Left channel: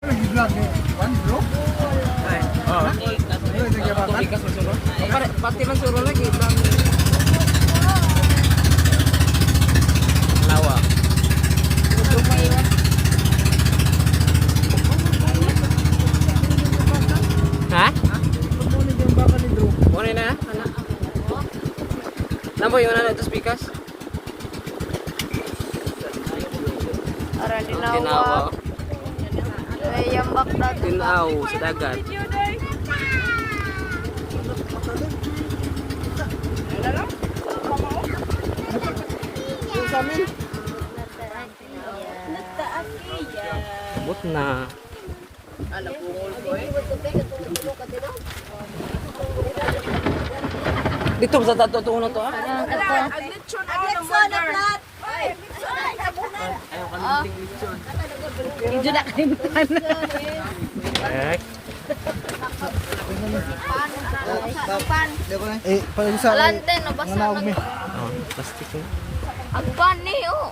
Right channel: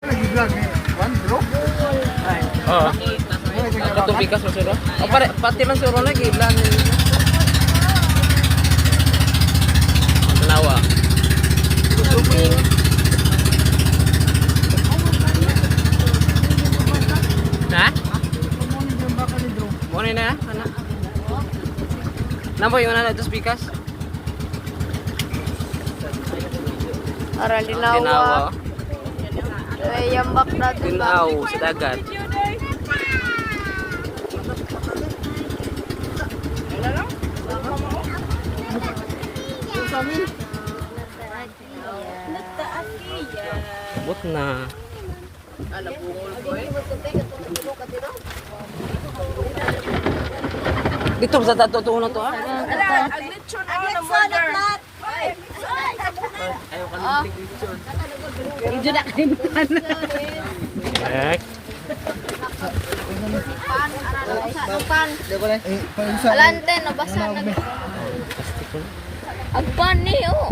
Lagi vlog ni Juan, bro. Oo. Ito bigas mo suro. O pare, pati man suro lagi. Lang. Lawa. Ha? Muna na, anak. Namo yung na ito bigas? Para linawa. Tinawa. Ay, yambak na to. Tinaw sa dagat. Sa amin. Abot na. Dito sa tato to na to ah. Eh, Agpan. Eh, pag sa Alante, nabasa na. plastic na. Agpan ni, oh.